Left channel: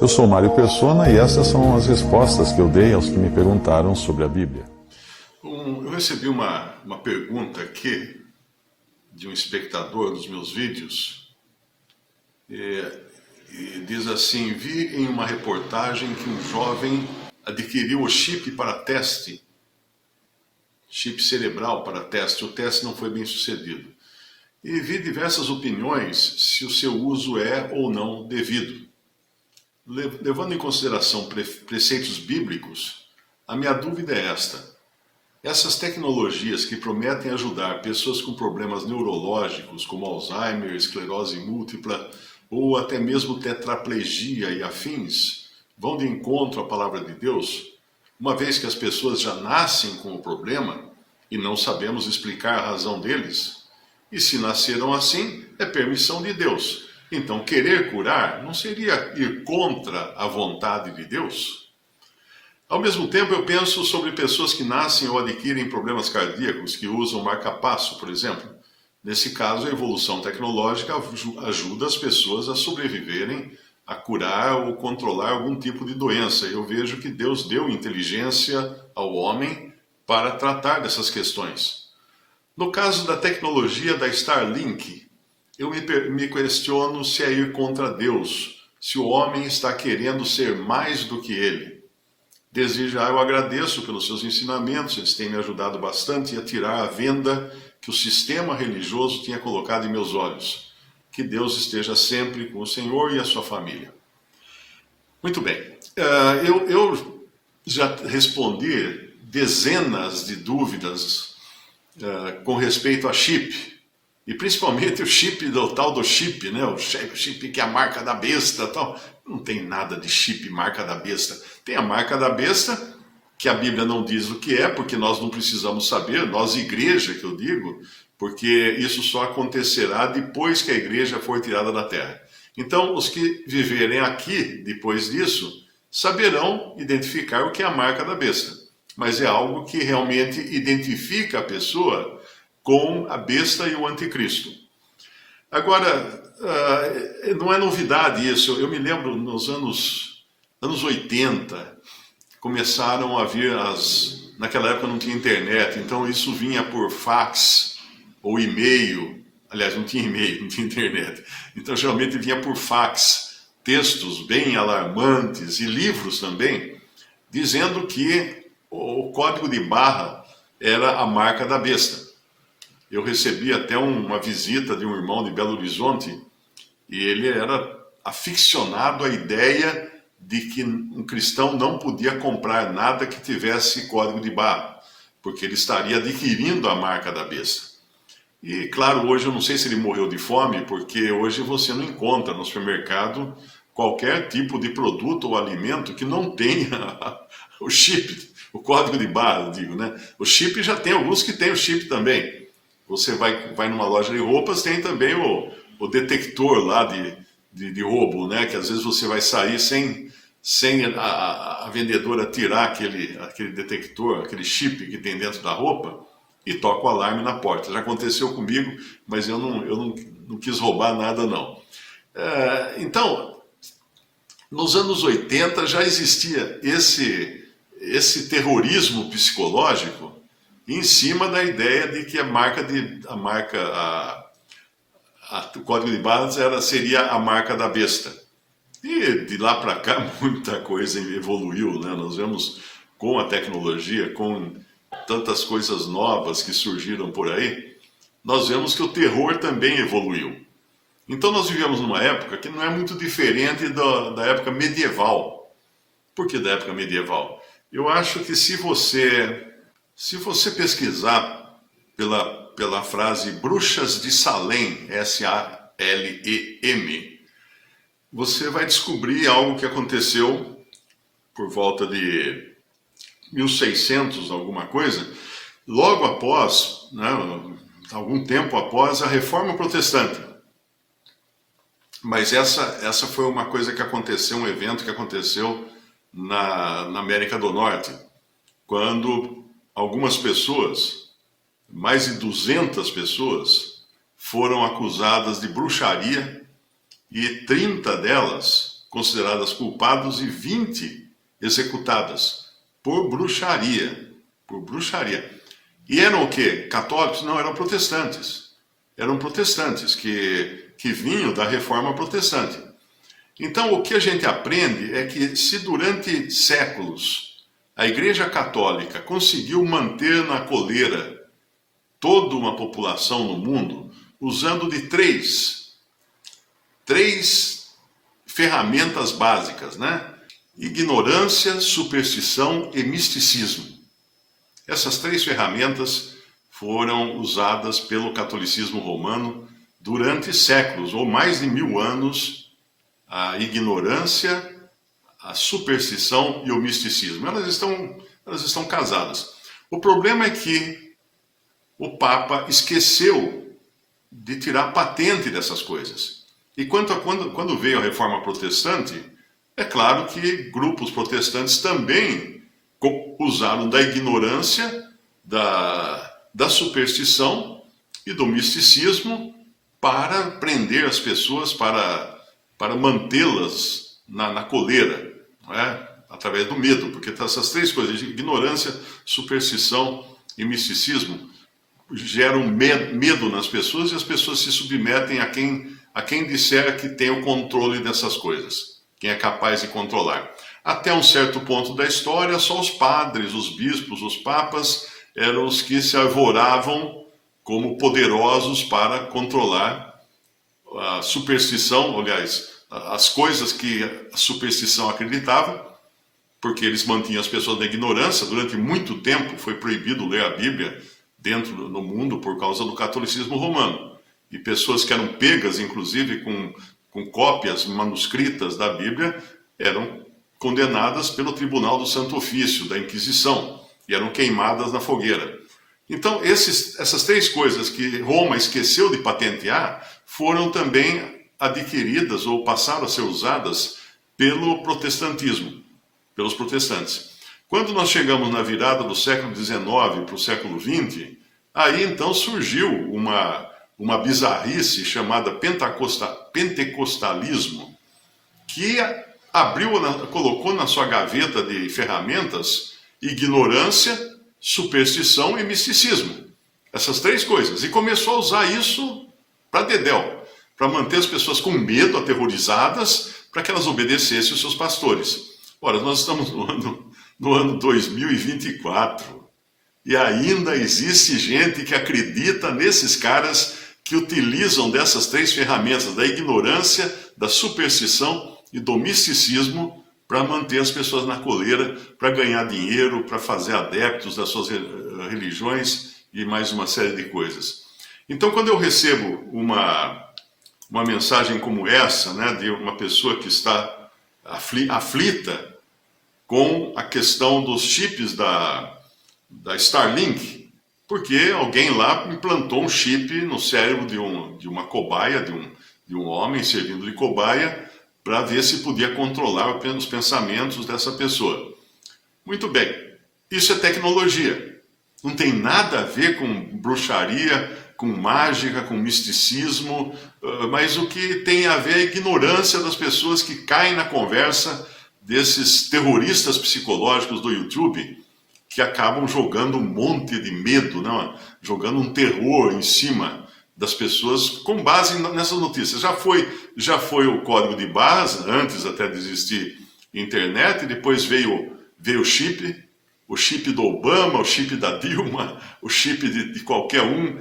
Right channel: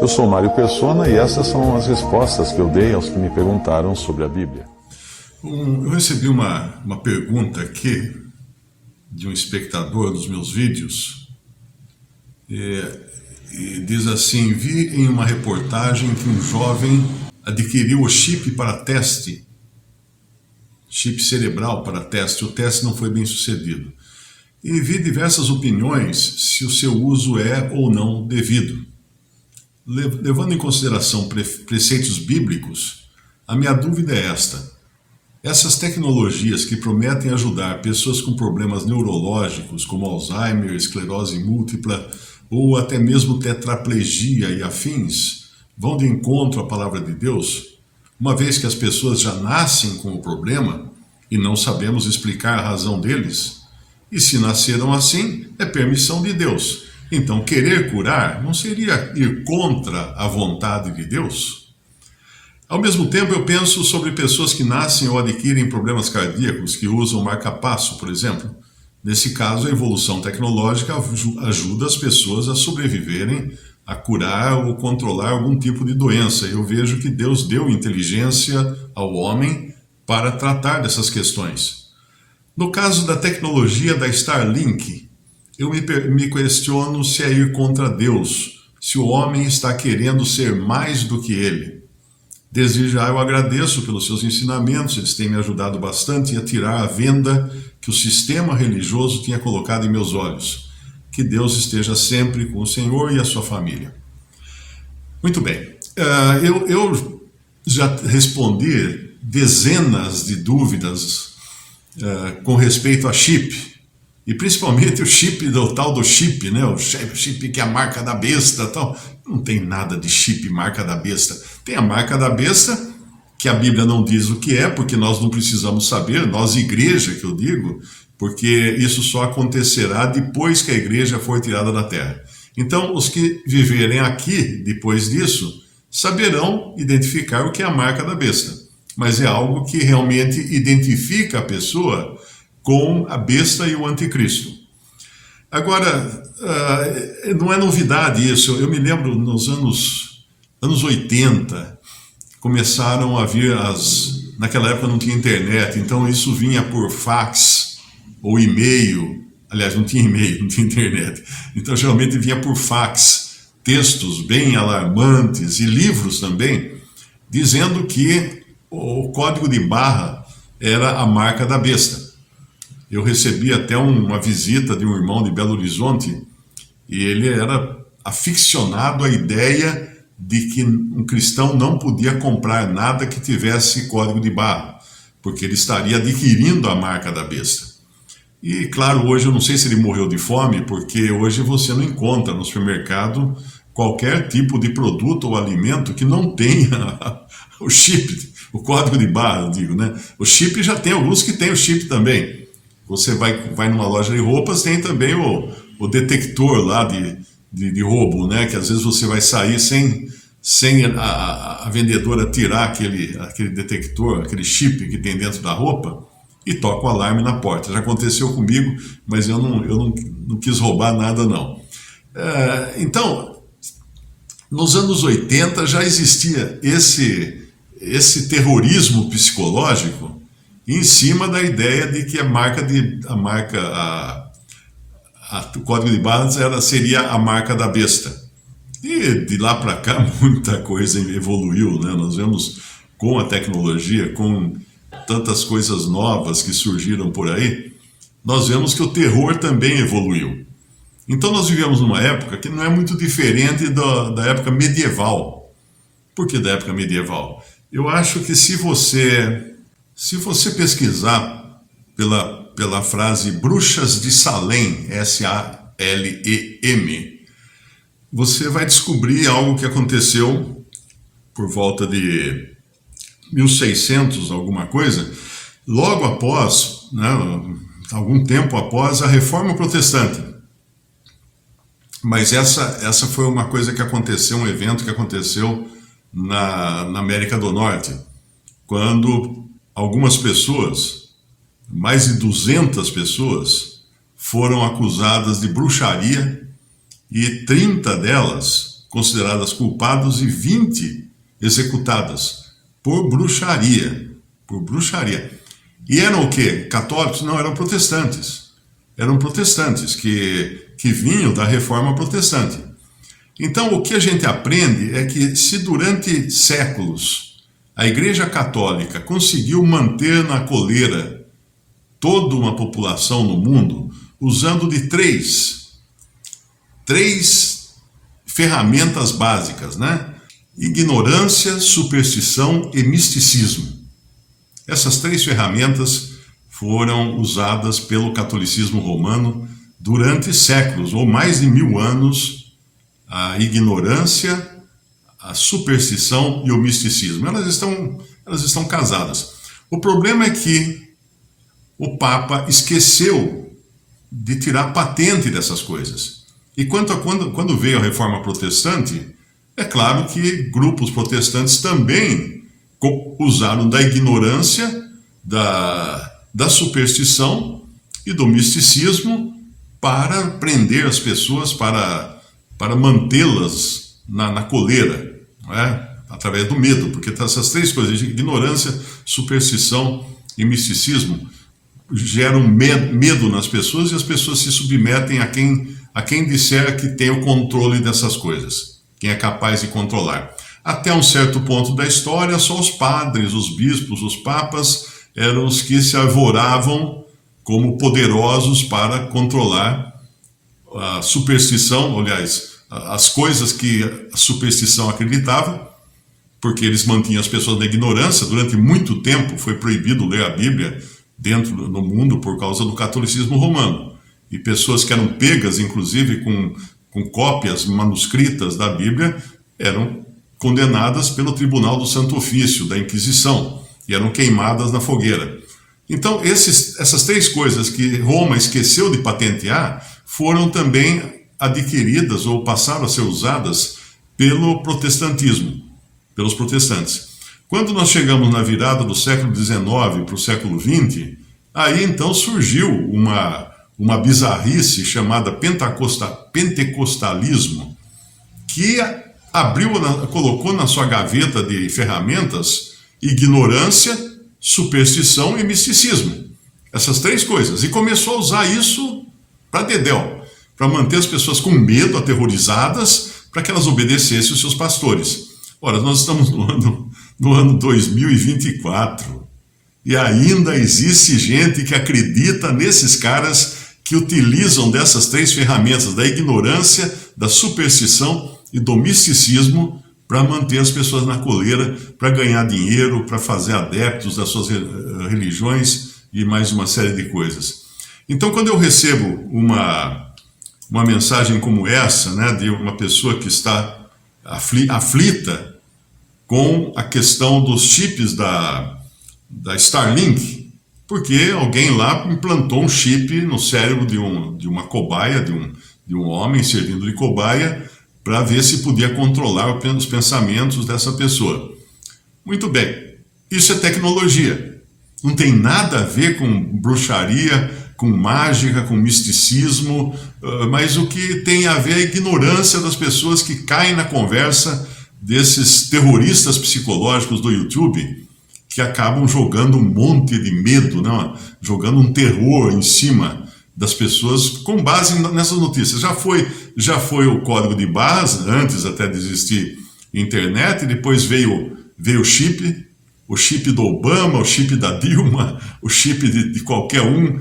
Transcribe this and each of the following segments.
Eu sou Mário Persona e essas são as respostas que eu dei aos que me perguntaram sobre a Bíblia. Eu recebi uma pergunta aqui de um espectador dos meus vídeos e diz assim: vi em uma reportagem que um jovem adquiriu o chip para teste, chip cerebral para teste. O teste não foi bem sucedido. E vi diversas opiniões se o seu uso é ou não devido. Levando em consideração preceitos bíblicos, a minha dúvida é esta: essas tecnologias que prometem ajudar pessoas com problemas neurológicos, como Alzheimer, esclerose múltipla ou até mesmo tetraplegia e afins, vão de encontro à palavra de Deus, uma vez que as pessoas já nascem com o problema e não sabemos explicar a razão deles? E se nasceram assim, é permissão de Deus. Então, querer curar não seria ir contra a vontade de Deus? Ao mesmo tempo, eu penso sobre pessoas que nascem ou adquirem problemas cardíacos, que usam marca-passo, por exemplo. Nesse caso, a evolução tecnológica ajuda as pessoas a sobreviverem, a curar ou controlar algum tipo de doença. Eu vejo que Deus deu inteligência ao homem para tratar dessas questões. No caso da tecnologia da Starlink, eu me questiono se é ir contra Deus, se o homem está querendo ser mais do que ele. Desde já eu agradeço pelos seus ensinamentos, eles têm me ajudado bastante a tirar a venda que o sistema religioso tinha colocado em meus olhos. Que Deus esteja sempre com o Senhor e a sua família. Muito bem, eu já respondi dezenas de dúvidas com respeito a chip. E principalmente o chip, o tal do chip, né? O chip que é a marca da besta, tal. Não tem nada de chip marca da besta. Tem a marca da besta, que a Bíblia não diz o que é, porque nós não precisamos saber, nós igreja que eu digo, porque isso só acontecerá depois que a igreja for tirada da terra. Então, os que viverem aqui depois disso, saberão identificar o que é a marca da besta. Mas é algo que realmente identifica a pessoa com a besta e o anticristo. Agora, não é novidade isso. Eu me lembro nos anos 80, começaram a vir naquela época não tinha internet, então isso vinha por fax ou e-mail. Aliás, não tinha e-mail, não tinha internet. Então geralmente vinha por fax, textos bem alarmantes e livros também, dizendo que o código de barra era a marca da besta. Eu recebi até uma visita de um irmão de Belo Horizonte e ele era aficionado à ideia de que um cristão não podia comprar nada que tivesse código de barra, porque ele estaria adquirindo a marca da besta. E claro, hoje eu não sei se ele morreu de fome, porque hoje você não encontra no supermercado qualquer tipo de produto ou alimento que não tenha o chip, o código de barra, eu digo, né? O chip já tem alguns que tem o chip também. Você vai numa loja de roupas, tem também o detector lá de roubo, né? Que às vezes você vai sair sem a vendedora tirar aquele detector, aquele chip que tem dentro da roupa e toca o alarme na porta. Já aconteceu comigo, mas eu não quis roubar nada, não. Então, nos anos 80 já existia esse terrorismo psicológico em cima da ideia de que o código de barras seria a marca da besta. E de lá para cá muita coisa evoluiu, né? Nós vemos com a tecnologia, com tantas coisas novas que surgiram por aí, nós vemos que o terror também evoluiu. Então nós vivemos numa época que não é muito diferente da época medieval. Por que da época medieval? Eu acho que se você pesquisar pela frase Bruxas de Salem, S-A-L-E-M, você vai descobrir algo que aconteceu por volta de 1600, alguma coisa, logo após, né, algum tempo após a Reforma Protestante. Mas essa foi uma coisa que aconteceu, um evento que aconteceu na América do Norte, quando algumas pessoas, mais de 200 pessoas, foram acusadas de bruxaria e 30 delas consideradas culpadas e 20 executadas por bruxaria. Por bruxaria. E eram o quê? Católicos? Não, eram protestantes. Eram protestantes que vinham da reforma protestante. Então, o que a gente aprende é que se durante séculos a Igreja Católica conseguiu manter na coleira toda uma população no mundo, usando de três ferramentas básicas, né? Ignorância, superstição e misticismo. Essas 3 ferramentas foram usadas pelo catolicismo romano durante séculos, ou mais de 1000 anos. A ignorância, a superstição e o misticismo. Elas estão casadas. O problema é que o Papa esqueceu de tirar patente dessas coisas. E quando veio a reforma protestante, é claro que grupos protestantes também usaram da ignorância, da superstição e do misticismo para prender as pessoas, para mantê-las na coleira, não é? Através do medo, porque essas 3 coisas, ignorância, superstição e misticismo, geram medo nas pessoas e as pessoas se submetem a quem disser que tem o controle dessas coisas, quem é capaz de controlar. Até um certo ponto da história, só os padres, os bispos, os papas eram os que se arvoravam como poderosos para controlar a superstição, aliás, as coisas que a superstição acreditava, porque eles mantinham as pessoas na ignorância. Durante muito tempo foi proibido ler a Bíblia no mundo por causa do catolicismo romano. E pessoas que eram pegas, inclusive, com cópias manuscritas da Bíblia, eram condenadas pelo Tribunal do Santo Ofício, da Inquisição, e eram queimadas na fogueira. Então, essas 3 coisas que Roma esqueceu de patentear foram também adquiridas ou passaram a ser usadas pelo protestantismo, pelos protestantes. Quando nós chegamos na virada do século XIX para o século XX, aí então surgiu uma bizarrice chamada pentecostalismo, que colocou na sua gaveta de ferramentas ignorância, superstição e misticismo. Essas 3 coisas. E começou a usar isso para dedéu, para manter as pessoas com medo, aterrorizadas, para que elas obedecessem os seus pastores. Ora, nós estamos no ano 2024 e ainda existe gente que acredita nesses caras que utilizam dessas 3 ferramentas, da ignorância, da superstição e do misticismo, para manter as pessoas na coleira, para ganhar dinheiro, para fazer adeptos das suas religiões e mais uma série de coisas. Então, quando eu recebo uma mensagem como essa, né, de uma pessoa que está aflita com a questão dos chips da Starlink, porque alguém lá implantou um chip no cérebro de uma cobaia, de um homem servindo de cobaia, para ver se podia controlar os pensamentos dessa pessoa. Muito bem, isso é tecnologia. Não tem nada a ver com bruxaria, com mágica, com misticismo, mas o que tem a ver é a ignorância das pessoas que caem na conversa desses terroristas psicológicos do YouTube, que acabam jogando um monte de medo, não? Jogando um terror em cima das pessoas com base nessas notícias. Já foi o código de barras, antes até de existir internet, e depois veio o chip do Obama, o chip da Dilma, o chip de qualquer um,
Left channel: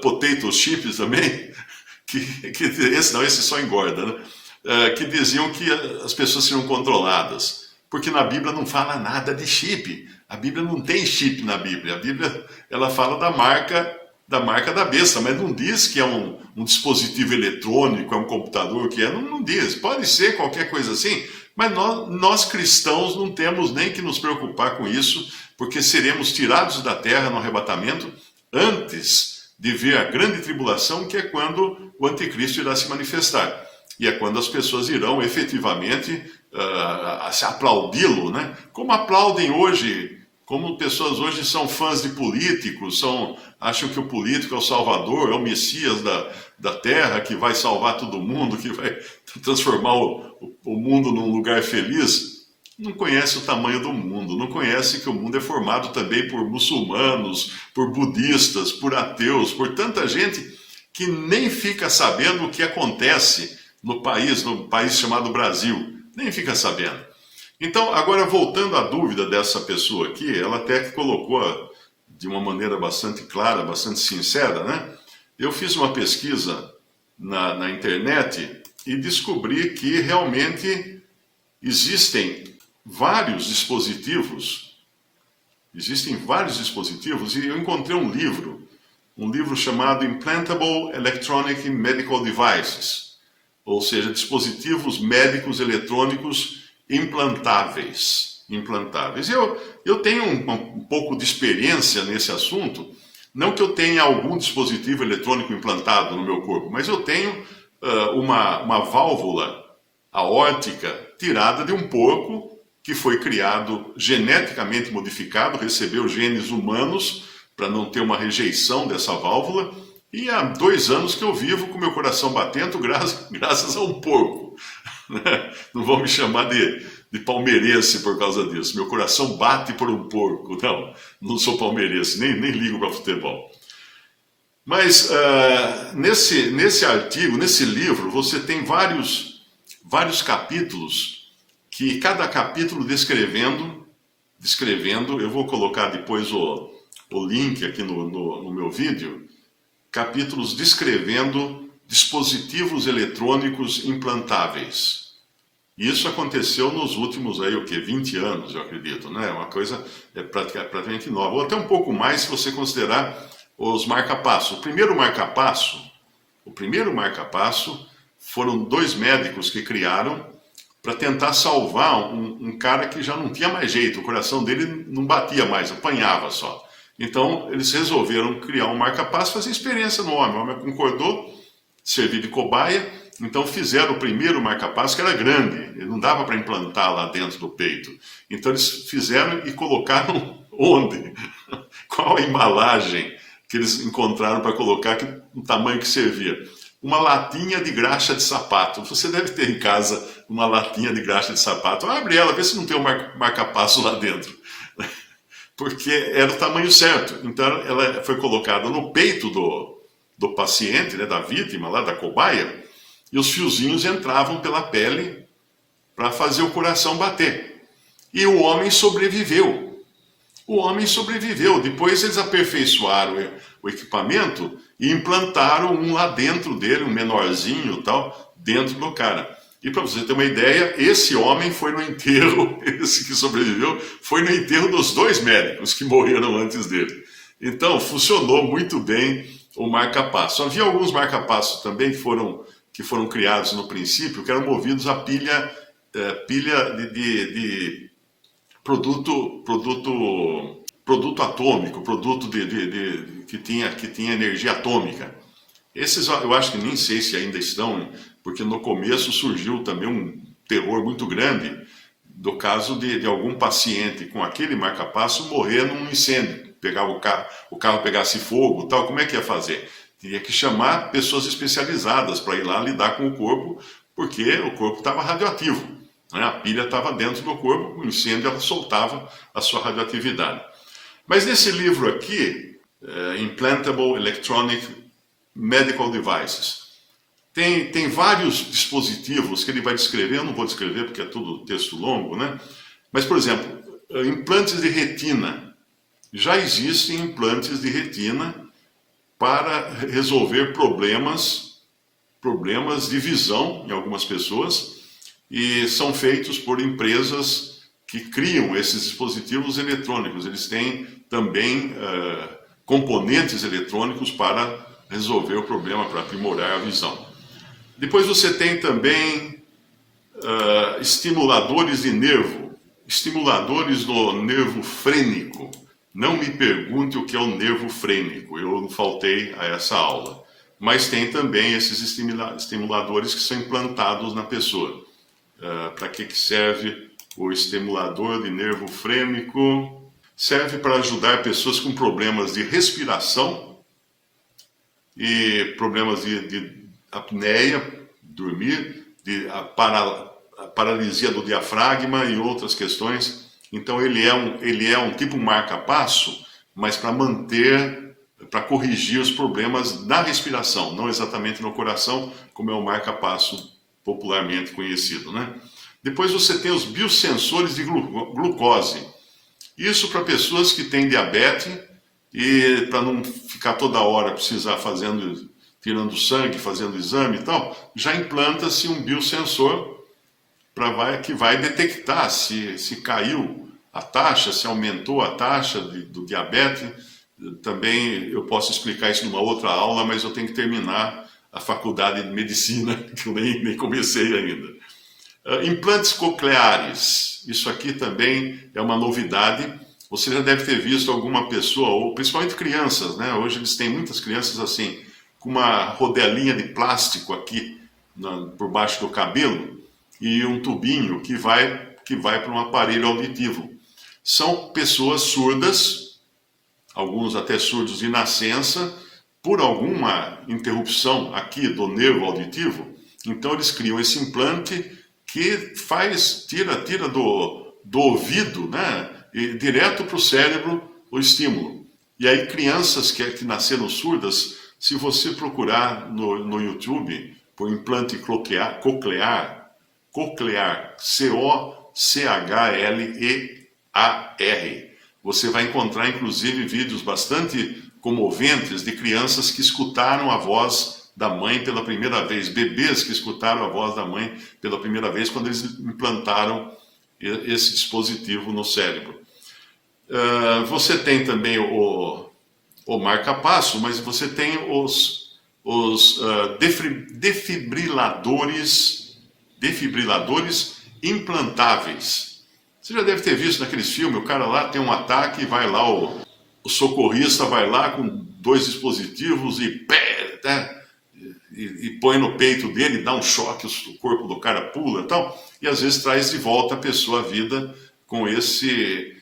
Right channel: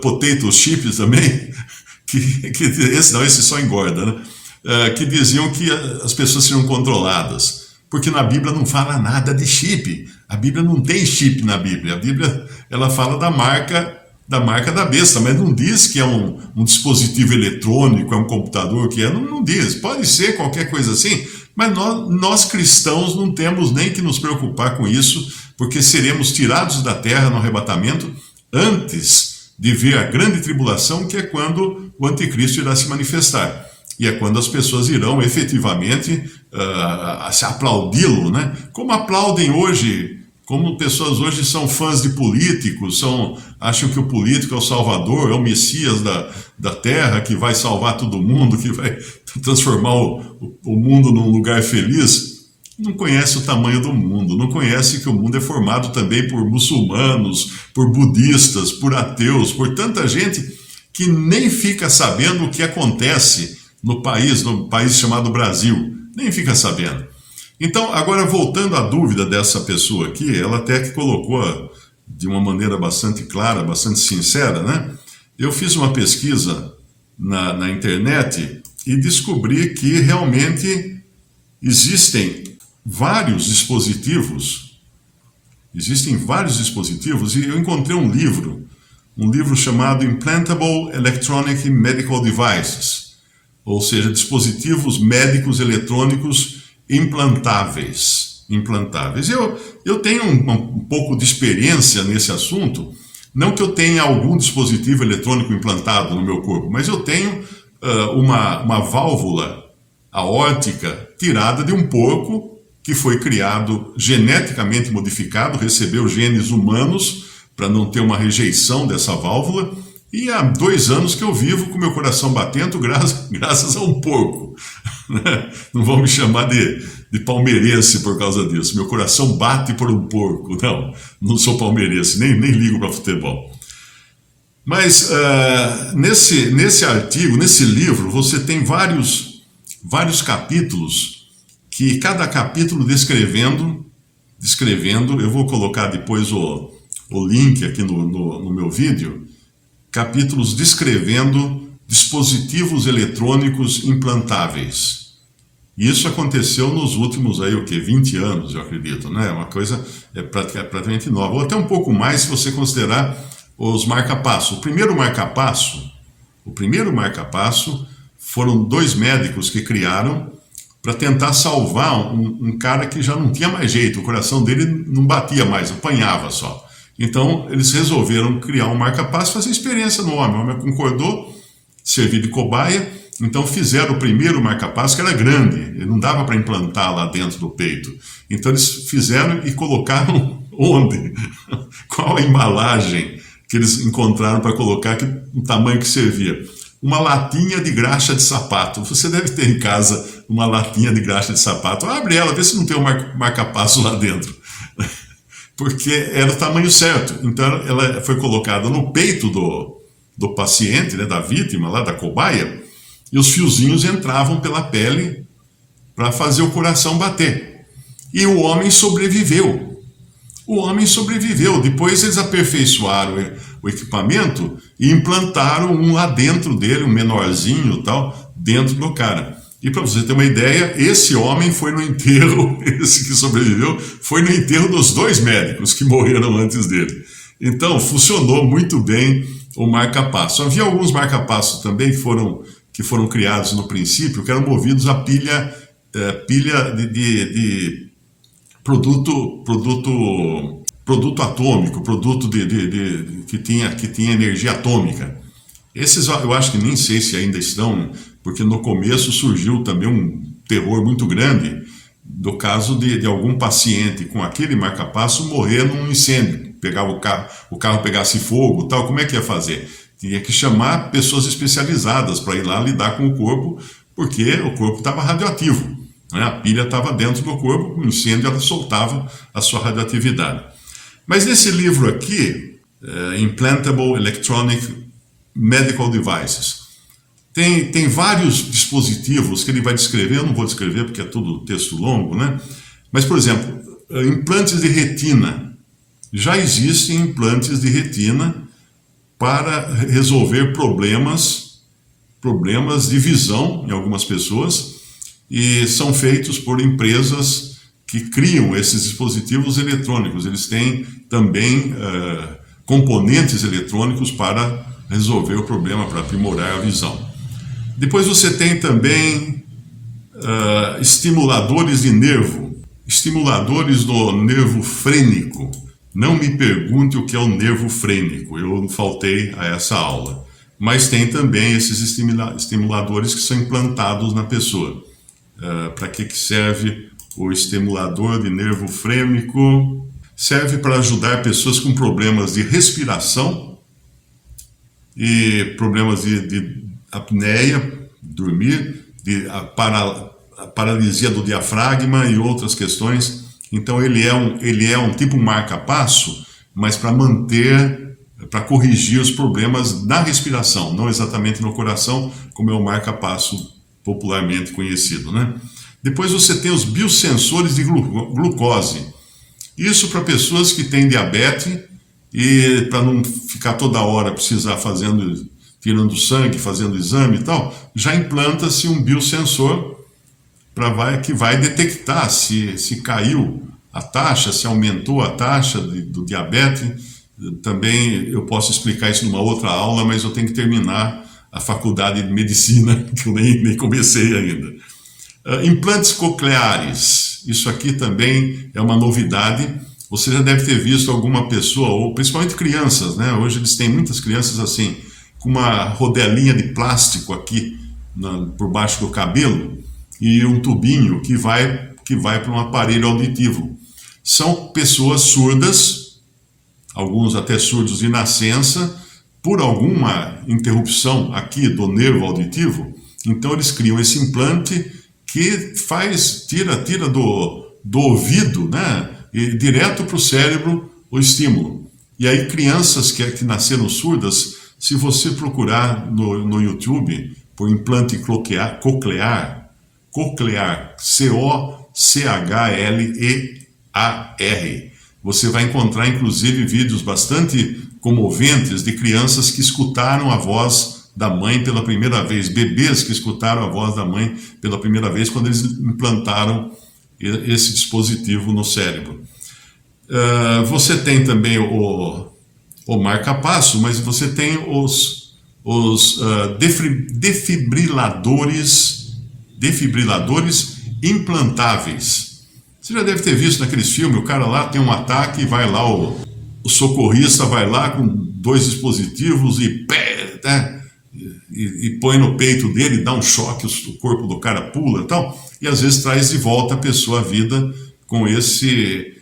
potato chips também, esse só engorda, né? Que diziam que as pessoas seriam controladas, porque na Bíblia não fala nada de chip. A Bíblia não tem chip na Bíblia. A Bíblia, ela fala da marca da besta, mas não diz que é um dispositivo eletrônico, é um computador, que é, não diz. Pode ser qualquer coisa assim, mas nós cristãos não temos nem que nos preocupar com isso, porque seremos tirados da terra no arrebatamento antes de ver a grande tribulação, que é quando o anticristo irá se manifestar. E é quando as pessoas irão efetivamente se aplaudi-lo, né? Como aplaudem hoje, como pessoas hoje são fãs de políticos, são acham que o político é o salvador, é o Messias da terra, que vai salvar todo mundo, que vai transformar o mundo num lugar feliz. Não conhece o tamanho do mundo, não conhece que o mundo é formado também por muçulmanos, por budistas, por ateus, por tanta gente que nem fica sabendo o que acontece no país chamado Brasil, nem fica sabendo. Então, agora voltando à dúvida dessa pessoa aqui, ela até que colocou de uma maneira bastante clara, bastante sincera, né? Eu fiz uma pesquisa na internet e descobri que realmente existem vários dispositivos e eu encontrei um livro chamado Implantable Electronic Medical Devices, ou seja, dispositivos médicos eletrônicos implantáveis. Eu tenho um pouco de experiência nesse assunto, não que eu tenha algum dispositivo eletrônico implantado no meu corpo, mas eu tenho uma válvula aórtica tirada de um porco que foi criado geneticamente modificado, recebeu genes humanos para não ter uma rejeição dessa válvula, e há 2 anos que eu vivo com meu coração batendo graças a um porco. Não vão me chamar de palmeirense por causa disso. Meu coração bate por um porco. Não sou palmeirense, nem ligo para futebol. Mas nesse artigo, nesse livro, você tem vários capítulos, que cada capítulo descrevendo, eu vou colocar depois o link aqui no meu vídeo, capítulos descrevendo dispositivos eletrônicos implantáveis. E isso aconteceu nos últimos 20 anos, eu acredito, né? Uma coisa praticamente nova, ou até um pouco mais se você considerar os marca-passo. O primeiro marca-passo foram 2 médicos que criaram para tentar salvar um cara que já não tinha mais jeito, o coração dele não batia mais, apanhava só. Então, eles resolveram criar um marca-passo, fazer experiência no homem. O homem concordou, servir de cobaia, então fizeram o primeiro marca-passo, que era grande, ele não dava para implantar lá dentro do peito. Então, eles fizeram e colocaram onde? Qual a embalagem que eles encontraram para colocar, o tamanho que servia? Uma latinha de graxa de sapato. Você deve ter em casa uma latinha de graxa de sapato. Abre ela, vê se não tem um marca-passo lá dentro. Porque era o tamanho certo. Então ela foi colocada no peito do paciente, né, da vítima, lá da cobaia, e os fiozinhos entravam pela pele para fazer o coração bater. E o homem sobreviveu. Depois eles aperfeiçoaram o equipamento e implantaram um lá dentro dele, um menorzinho tal, dentro do cara. E para você ter uma ideia, esse homem foi no enterro, esse que sobreviveu, foi no enterro dos 2 médicos que morreram antes dele. Então, funcionou muito bem o marca-passo. Havia alguns marca-passos também que foram criados no princípio, que eram movidos a pilha de produto atômico, produto que tinha energia atômica. Esses eu acho que nem sei se ainda estão, porque no começo surgiu também um terror muito grande do caso de algum paciente com aquele marca-passo morrer num incêndio, o carro pegasse fogo, tal, como é que ia fazer? Tinha que chamar pessoas especializadas para ir lá lidar com o corpo, porque o corpo estava radioativo, né? A pilha estava dentro do corpo, o incêndio ela soltava a sua radioatividade. Mas nesse livro aqui, Implantable Electronic Medical Devices, tem vários dispositivos que ele vai descrever, eu não vou descrever porque é tudo texto longo, né? Mas, por exemplo, implantes de retina. Já existem implantes de retina para resolver problemas de visão em algumas pessoas, e são feitos por empresas que criam esses dispositivos eletrônicos. Eles têm também componentes eletrônicos para resolver o problema, para aprimorar a visão. Depois você tem também estimuladores de nervo, estimuladores do nervo frênico. Não me pergunte o que é o nervo frênico, eu faltei a essa aula. Mas tem também esses estimuladores que são implantados na pessoa. Para que serve o estimulador de nervo frênico? Serve para ajudar pessoas com problemas de respiração e problemas de apneia, dormir, a paralisia do diafragma e outras questões. Então ele é um tipo marca-passo, mas para corrigir os problemas na respiração, não exatamente no coração, como é o marca-passo popularmente conhecido, né? Depois você tem os biosensores de glucose. Isso para pessoas que têm diabetes e para não ficar toda hora precisar tirando sangue, fazendo exame e tal, já implanta-se um biosensor que vai detectar se caiu a taxa, se aumentou a taxa do diabetes. Também eu posso explicar isso numa outra aula, mas eu tenho que terminar a faculdade de medicina, que eu nem comecei ainda. Implantes cocleares, isso aqui também é uma novidade. Você já deve ter visto alguma pessoa, ou principalmente crianças, né? Hoje eles têm muitas crianças assim, com uma rodelinha de plástico aqui por baixo do cabelo e um tubinho que vai para um aparelho auditivo. São pessoas surdas, alguns até surdos de nascença, por alguma interrupção aqui do nervo auditivo. Então eles criam esse implante que tira do ouvido, né, e direto para o cérebro o estímulo. E aí crianças que nasceram surdas, se você procurar no YouTube por implante coclear, C-O-C-H-L-E-A-R, você vai encontrar inclusive vídeos bastante comoventes de crianças que escutaram a voz da mãe pela primeira vez, bebês que escutaram a voz da mãe pela primeira vez quando eles implantaram esse dispositivo no cérebro. Você tem também o marca-passo, mas você tem os defibriladores implantáveis. Você já deve ter visto naqueles filmes, o cara lá tem um ataque e vai lá, o socorrista vai lá com 2 dispositivos e põe no peito dele, dá um choque, o corpo do cara pula e tal, e às vezes traz de volta a pessoa à vida com esse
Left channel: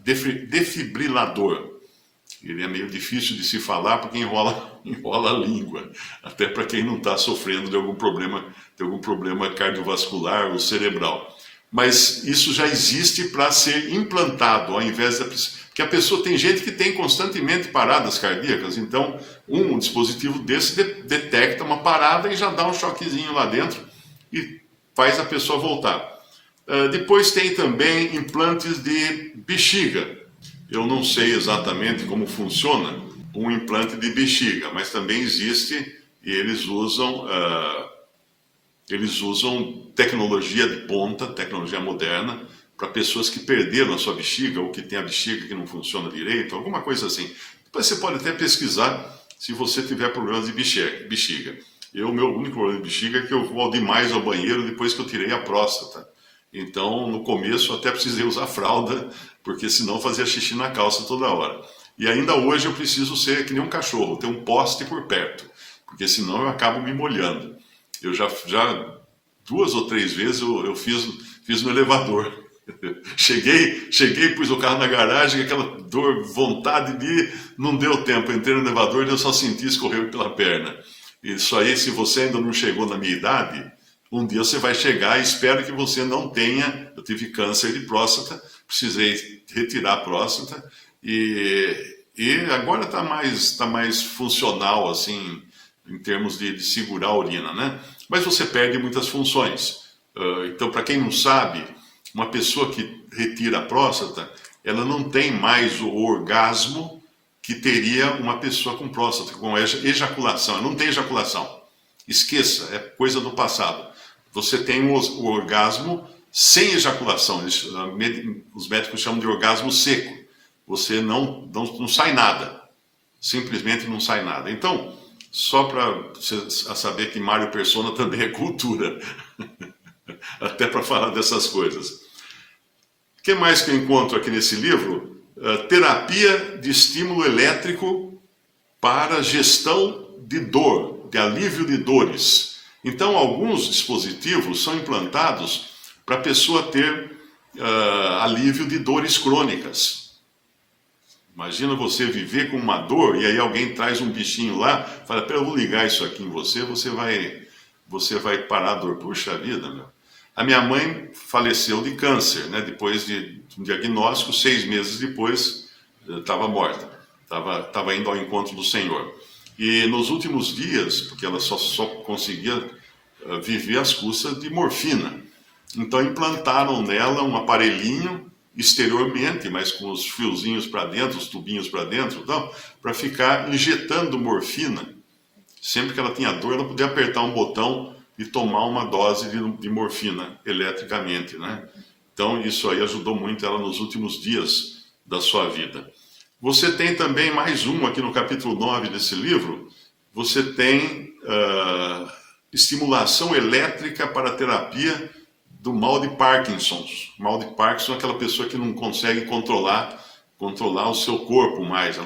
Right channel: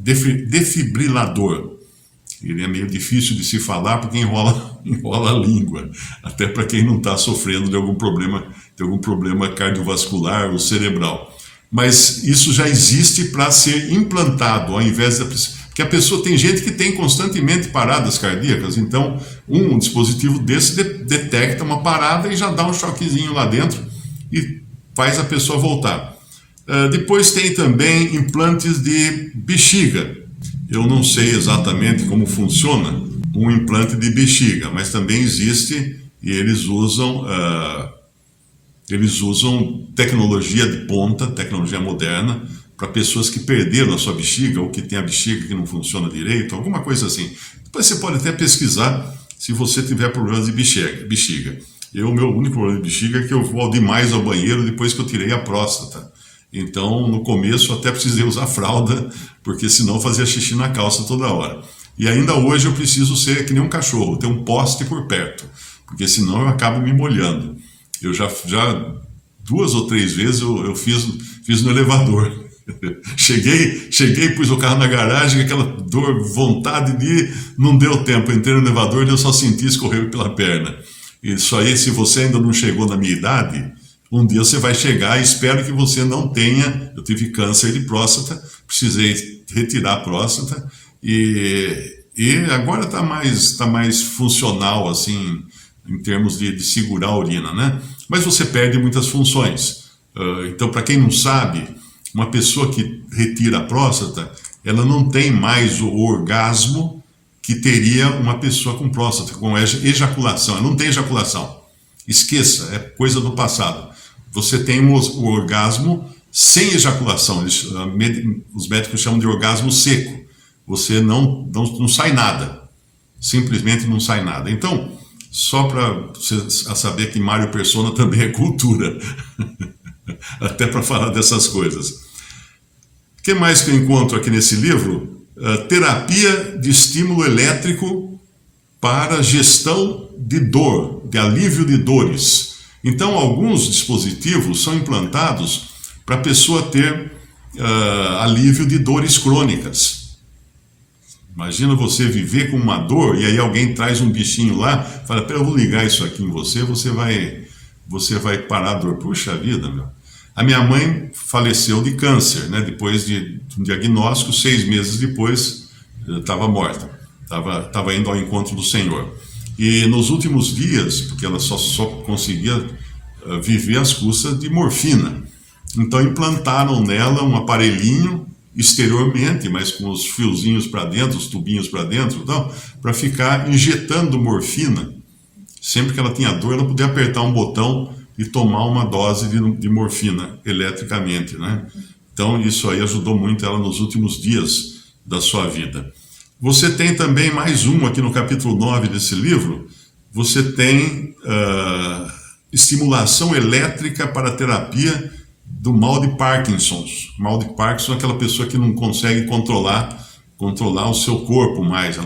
defibrilador. Ele é meio difícil de se falar porque enrola a língua, até para quem não está sofrendo de algum problema cardiovascular ou cerebral. Mas isso já existe para ser implantado, ao invés porque a pessoa tem gente que tem constantemente paradas cardíacas, então um dispositivo desse detecta uma parada e já dá um choquezinho lá dentro e faz a pessoa voltar. Depois tem também implantes de bexiga. Eu não sei exatamente como funciona um implante de bexiga, mas também existe e eles usam tecnologia de ponta, tecnologia moderna, para pessoas que perderam a sua bexiga ou que tem a bexiga que não funciona direito, alguma coisa assim. Depois você pode até pesquisar se você tiver problemas de bexiga. O meu único problema de bexiga é que eu vou demais ao banheiro depois que eu tirei a próstata. Então, no começo, até precisei usar fralda, porque senão eu fazia xixi na calça toda hora. E ainda hoje eu preciso ser que nem um cachorro, ter um poste por perto, porque senão eu acabo me molhando. Eu já 2 ou 3 vezes eu fiz no elevador. Cheguei, pus o carro na garagem, aquela dor, vontade de ir, não deu tempo. Entrei no elevador e eu só senti escorrer pela perna. Isso aí, se você ainda não chegou na minha idade, um dia você vai chegar e espero que você não tenha. Eu tive câncer de próstata, precisei retirar a próstata e agora está mais funcional, assim, em termos de segurar a urina, né? Mas você perde muitas funções. Então, para quem não sabe, uma pessoa que retira a próstata, ela não tem mais o orgasmo que teria uma pessoa com próstata, com ejaculação. Ela não tem ejaculação. Esqueça, é coisa do passado. Você tem o orgasmo sem ejaculação. Os médicos chamam de orgasmo seco. Você não sai nada. Simplesmente não sai nada. Então, só para você saber que Mário Persona também é cultura. Até para falar dessas coisas. O que mais que eu encontro aqui nesse livro? Terapia de estímulo elétrico para gestão de dor, de alívio de dores. Então, alguns dispositivos são implantados para a pessoa ter alívio de dores crônicas. Imagina você viver com uma dor e aí alguém traz um bichinho lá, fala, eu vou ligar isso aqui em você, você vai parar a dor. Puxa vida, meu. A minha mãe faleceu de câncer, né? Depois de um diagnóstico, 6 meses depois, estava morta. Estava indo ao encontro do Senhor. E nos últimos dias, porque ela só conseguia viver às custas de morfina, então implantaram nela um aparelhinho exteriormente, mas com os fiozinhos para dentro, os tubinhos para dentro, para ficar injetando morfina. Sempre que ela tinha dor, ela podia apertar um botão e tomar uma dose de morfina eletricamente, né? Então isso aí ajudou muito ela nos últimos dias da sua vida. Você tem também mais uma aqui no capítulo 9 desse livro, você tem estimulação elétrica para a terapia do mal de Parkinson. O mal de Parkinson é aquela pessoa que não consegue controlar o seu corpo mais.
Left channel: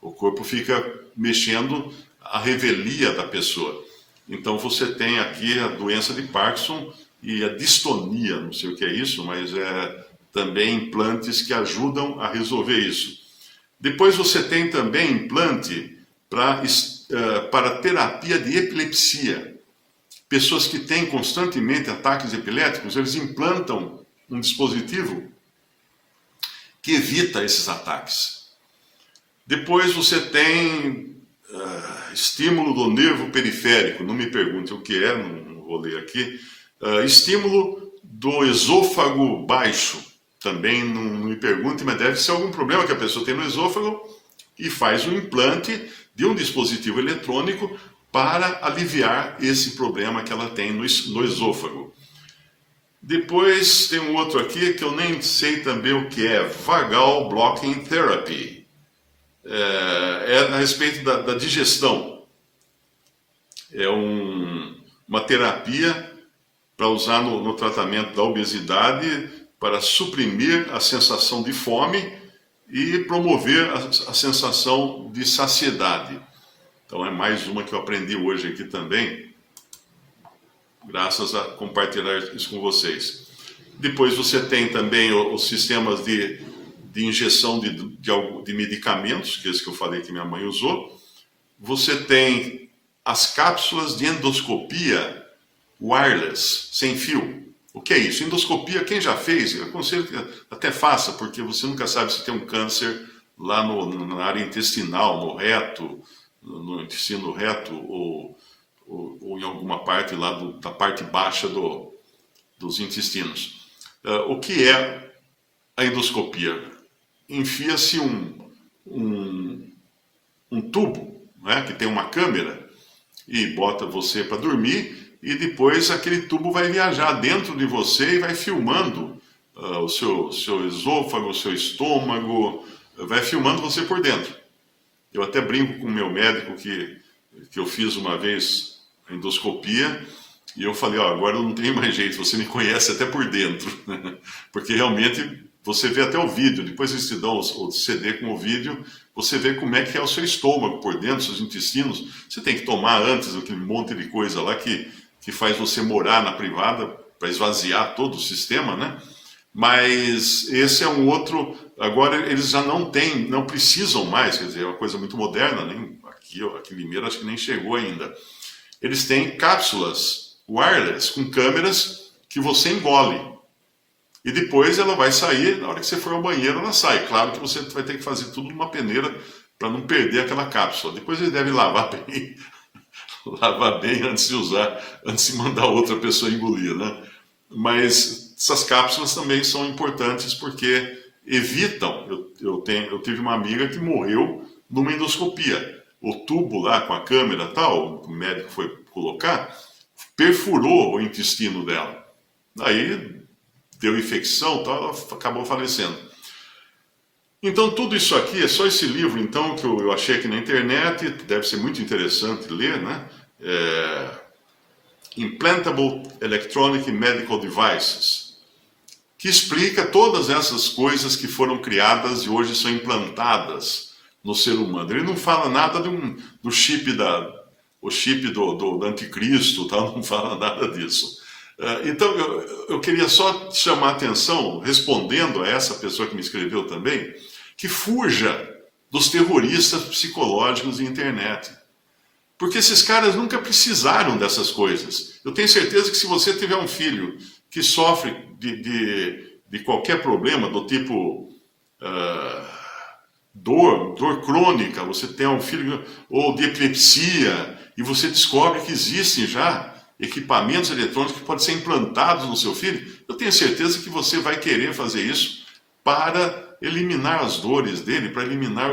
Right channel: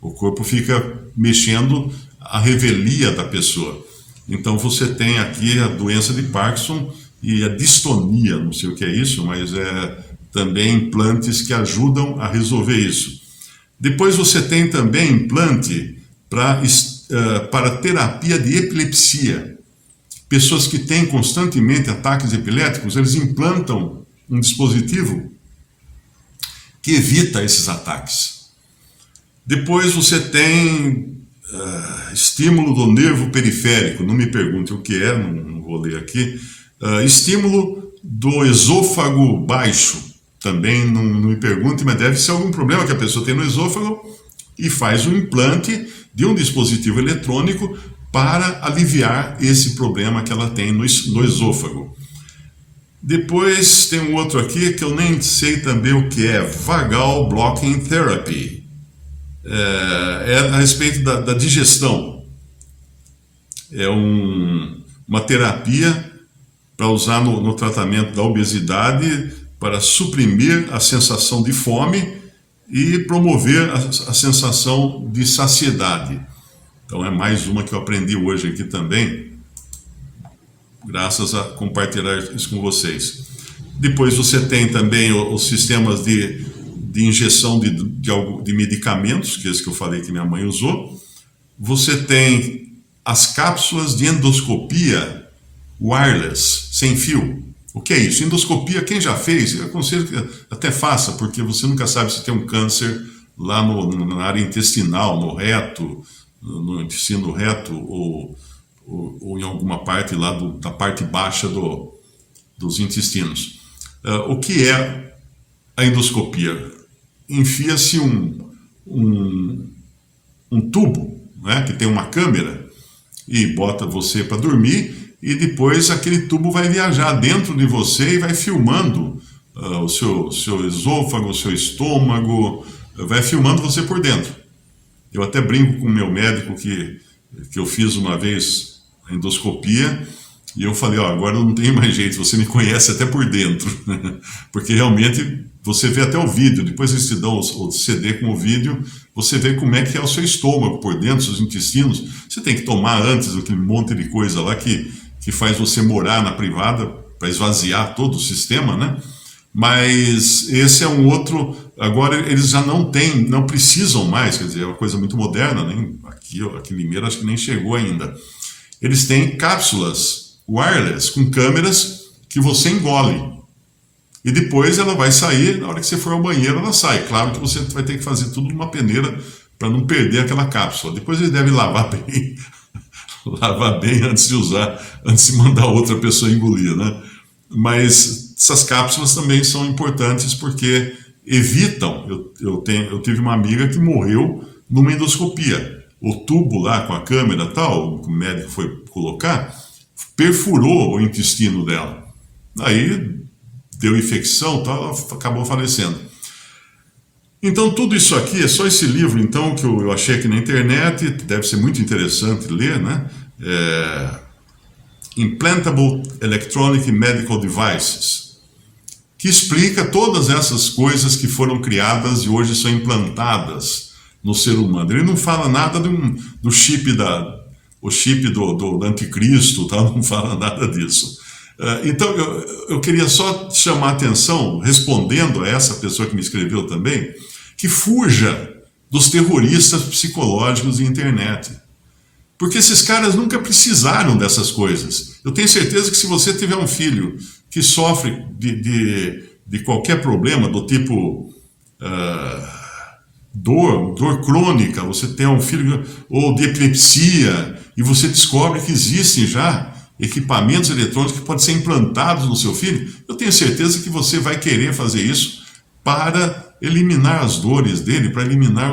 O corpo fica mexendo a revelia da pessoa. Então você tem aqui a doença de Parkinson e a distonia, não sei o que é isso, mas é também implantes que ajudam a resolver isso. Depois você tem também implante para terapia de epilepsia. Pessoas que têm constantemente ataques epiléticos, eles implantam um dispositivo que evita esses ataques. Depois você tem estímulo do nervo periférico, não me pergunte o que é, não vou ler aqui. Estímulo do esôfago baixo, também não me pergunte, mas deve ser algum problema que a pessoa tem no esôfago e faz um implante de um dispositivo eletrônico para aliviar esse problema que ela tem no esôfago. Depois tem um outro aqui que eu nem sei também o que é, Vagal Blocking Therapy. É a respeito da digestão. É uma terapia para usar no tratamento da obesidade para suprimir a sensação de fome e promover a sensação de saciedade. Então é mais uma que eu aprendi hoje aqui também, graças a compartilhar isso com vocês. Depois você tem também os sistemas de injeção de medicamentos, que é esse que eu falei que minha mãe usou. Você tem as cápsulas de endoscopia wireless, sem fio. O que é isso? Endoscopia, quem já fez, eu aconselho que até faça, porque você nunca sabe se tem um câncer lá na área intestinal, no reto, no intestino reto ou em alguma parte lá da parte baixa dos intestinos. O que é a endoscopia? Enfia-se um tubo, né, que tem uma câmera e bota você para dormir e depois aquele tubo vai viajar dentro de você e vai filmando o seu esôfago, o seu estômago, vai filmando você por dentro. Eu até brinco com o meu médico que eu fiz uma vez a endoscopia e eu falei, agora não tem mais jeito, você me conhece até por dentro. Porque realmente você vê até o vídeo, depois eles te dão o CD com o vídeo, você vê como é que é o seu estômago por dentro, seus intestinos. Você tem que tomar antes aquele monte de coisa lá que faz você morar na privada para esvaziar todo o sistema, né? Mas esse é um outro. Agora eles já não precisam mais, quer dizer, é uma coisa muito moderna, nem aqui em Limeira acho que nem chegou ainda. Eles têm cápsulas wireless com câmeras que você engole. E depois ela vai sair, na hora que você for ao banheiro ela sai. Claro que você vai ter que fazer tudo numa peneira para não perder aquela cápsula. Depois ele deve lavar bem antes de usar, antes de mandar outra pessoa engolir, né? Mas essas cápsulas também são importantes porque evitam. Eu tive uma amiga que morreu numa endoscopia. O tubo lá com a câmera tal, que o médico foi colocar, perfurou o intestino dela. Aí deu infecção, tal, ela acabou falecendo. Então tudo isso aqui, é só esse livro então que eu achei aqui na internet, deve ser muito interessante ler, né? Implantable Electronic Medical Devices, que explica todas essas coisas que foram criadas e hoje são implantadas no ser humano. Ele não fala nada do chip do anticristo, tal, não fala nada disso. Então eu queria só chamar a atenção, respondendo a essa pessoa que me escreveu também, que fuja dos terroristas psicológicos de internet. Porque esses caras nunca precisaram dessas coisas. Eu tenho certeza que se você tiver um filho que sofre de qualquer problema, do tipo dor crônica, você tem um filho, ou de epilepsia, e você descobre que existem já equipamentos eletrônicos que podem ser implantados no seu filho, eu tenho certeza que você vai querer fazer isso para eliminar as dores dele, para eliminar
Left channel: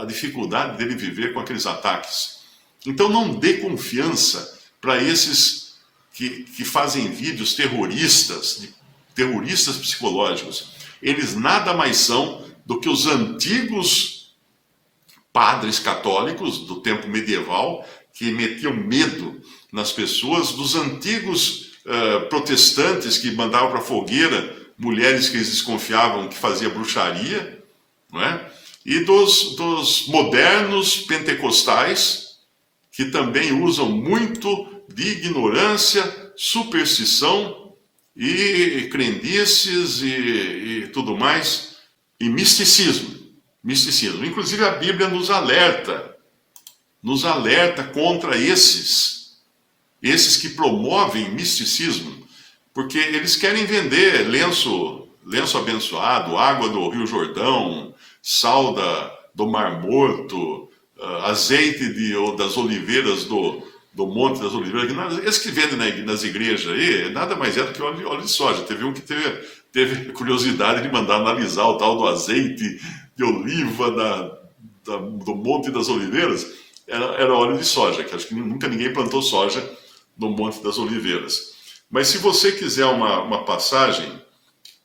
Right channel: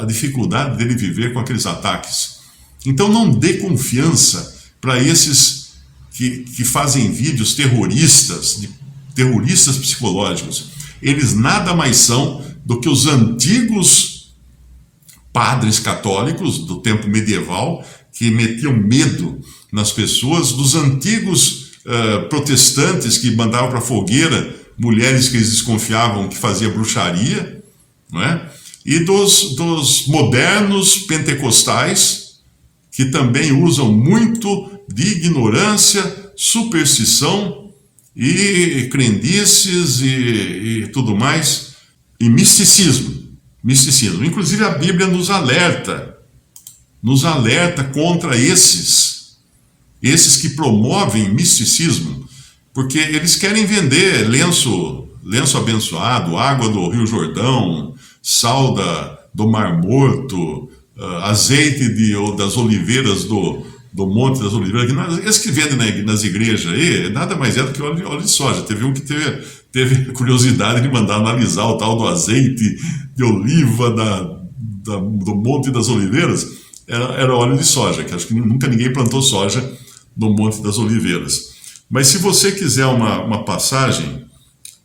a dificuldade dele viver com aqueles ataques. Então não dê confiança para esses que fazem vídeos terroristas psicológicos. Eles nada mais são do que os antigos padres católicos do tempo medieval, que metiam medo nas pessoas, dos antigos protestantes que mandavam para a fogueira mulheres que eles desconfiavam que fazia bruxaria, não é? E dos modernos pentecostais, que também usam muito de ignorância, superstição e crendices e tudo mais, e misticismo. Inclusive a Bíblia nos alerta contra esses que promovem misticismo, porque eles querem vender lenço abençoado, água do Rio Jordão, sal do Mar Morto, azeite das oliveiras do Monte das Oliveiras. Esses que vendem nas igrejas aí, nada mais é do que óleo de soja. Teve um que teve curiosidade de mandar analisar o tal do azeite de oliva do Monte das Oliveiras. Era óleo de soja, que acho que nunca ninguém plantou soja no Monte das Oliveiras. Mas se você quiser uma passagem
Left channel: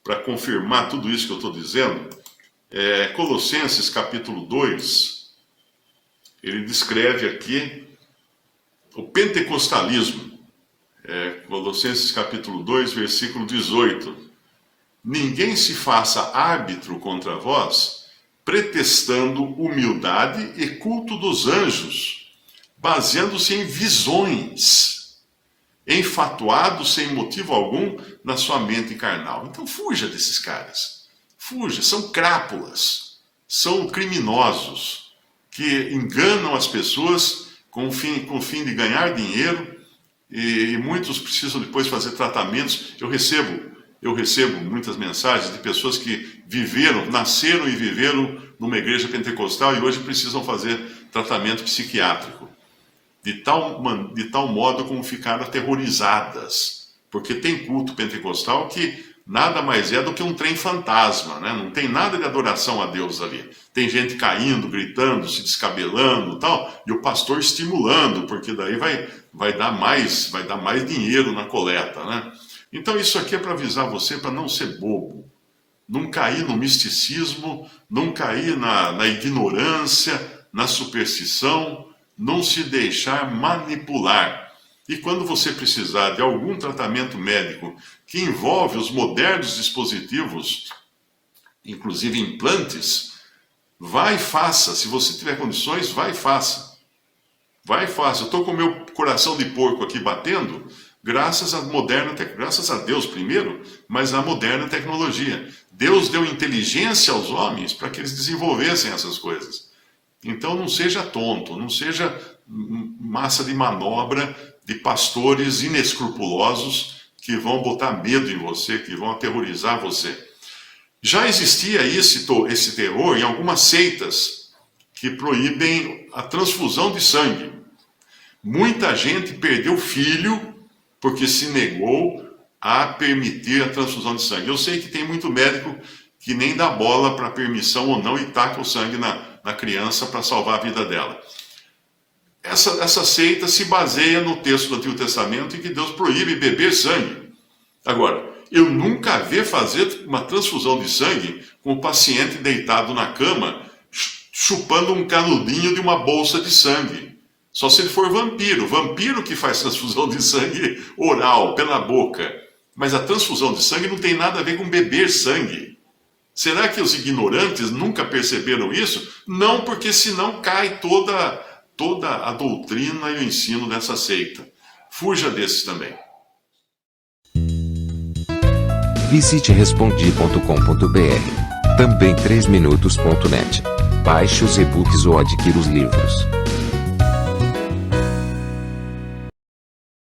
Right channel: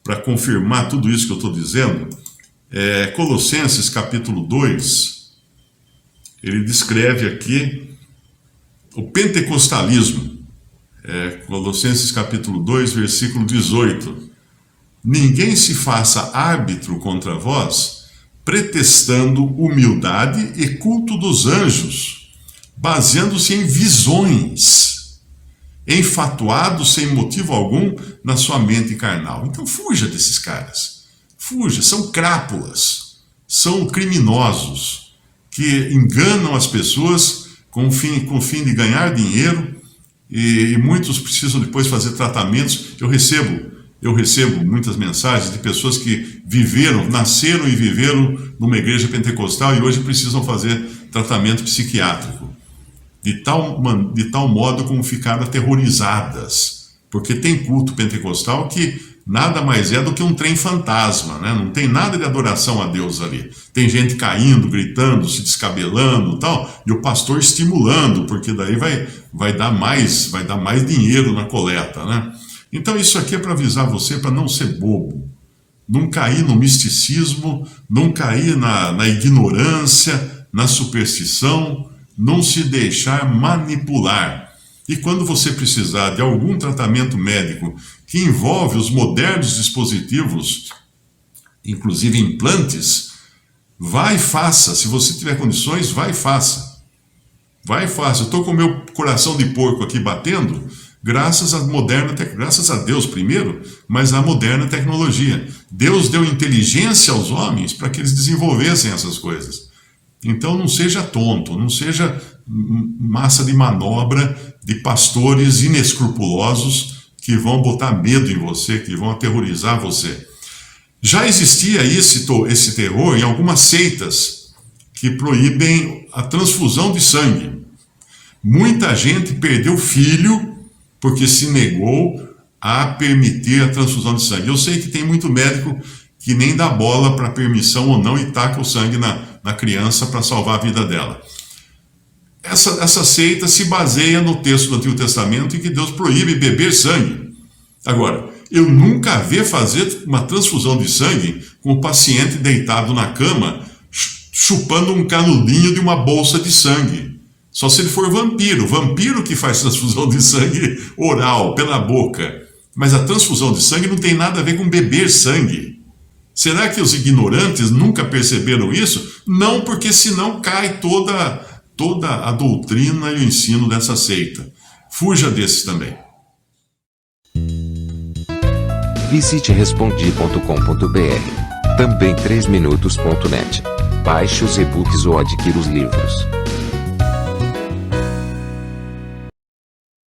para confirmar tudo isso que eu estou dizendo, Colossenses capítulo 2, ele descreve aqui o pentecostalismo. Colossenses capítulo 2, versículo 18. Ninguém se faça árbitro contra vós, pretextando humildade e culto dos anjos, baseando-se em visões, enfatuado sem motivo algum na sua mente carnal. Então fuja desses caras. Fuja, são crápulas, são criminosos que enganam as pessoas com o fim de ganhar dinheiro, e muitos precisam depois fazer tratamentos. Eu recebo muitas mensagens de pessoas que nasceram e viveram numa igreja pentecostal e hoje precisam fazer tratamento psiquiátrico. De tal modo como ficaram aterrorizadas, porque tem culto pentecostal que nada mais é do que um trem fantasma, né? Não tem nada de adoração a Deus ali. Tem gente caindo, gritando, se descabelando e tal, e o pastor estimulando, porque daí vai dar mais dinheiro na coleta, né? Então isso aqui é para avisar você para não ser bobo, não cair no misticismo, não cair na ignorância, na superstição, não se deixar manipular. E quando você precisar de algum tratamento médico que envolve os modernos dispositivos, inclusive implantes, vai e faça. Se você tiver condições, vai e faça. Vai e faça. Eu estou com o meu coração de porco aqui batendo, graças a Deus primeiro, mas à moderna tecnologia. Deus deu inteligência aos homens para que eles desenvolvessem essas coisas. Então não seja tonto, não seja massa de manobra de pastores inescrupulosos que vão botar medo em você, que vão aterrorizar você. Já existia esse terror em algumas seitas que proíbem a transfusão de sangue. Muita gente perdeu filho porque se negou a permitir a transfusão de sangue. Eu sei que tem muito médico que nem dá bola para permissão ou não e taca o sangue na criança para salvar a vida dela. Essa seita se baseia no texto do Antigo Testamento em que Deus proíbe beber sangue. Agora, eu nunca vi fazer uma transfusão de sangue com o paciente deitado na cama, chupando um canudinho de uma bolsa de sangue. Só se ele for vampiro. Vampiro que faz transfusão de sangue oral, pela boca. Mas a transfusão de sangue não tem nada a ver com beber sangue. Será que os ignorantes nunca perceberam isso? Não, porque senão cai toda a doutrina e o ensino dessa seita. Fuja desses também. Visite respondi.com.br. Também 3minutos.net. Baixe os e-books ou adquira os livros.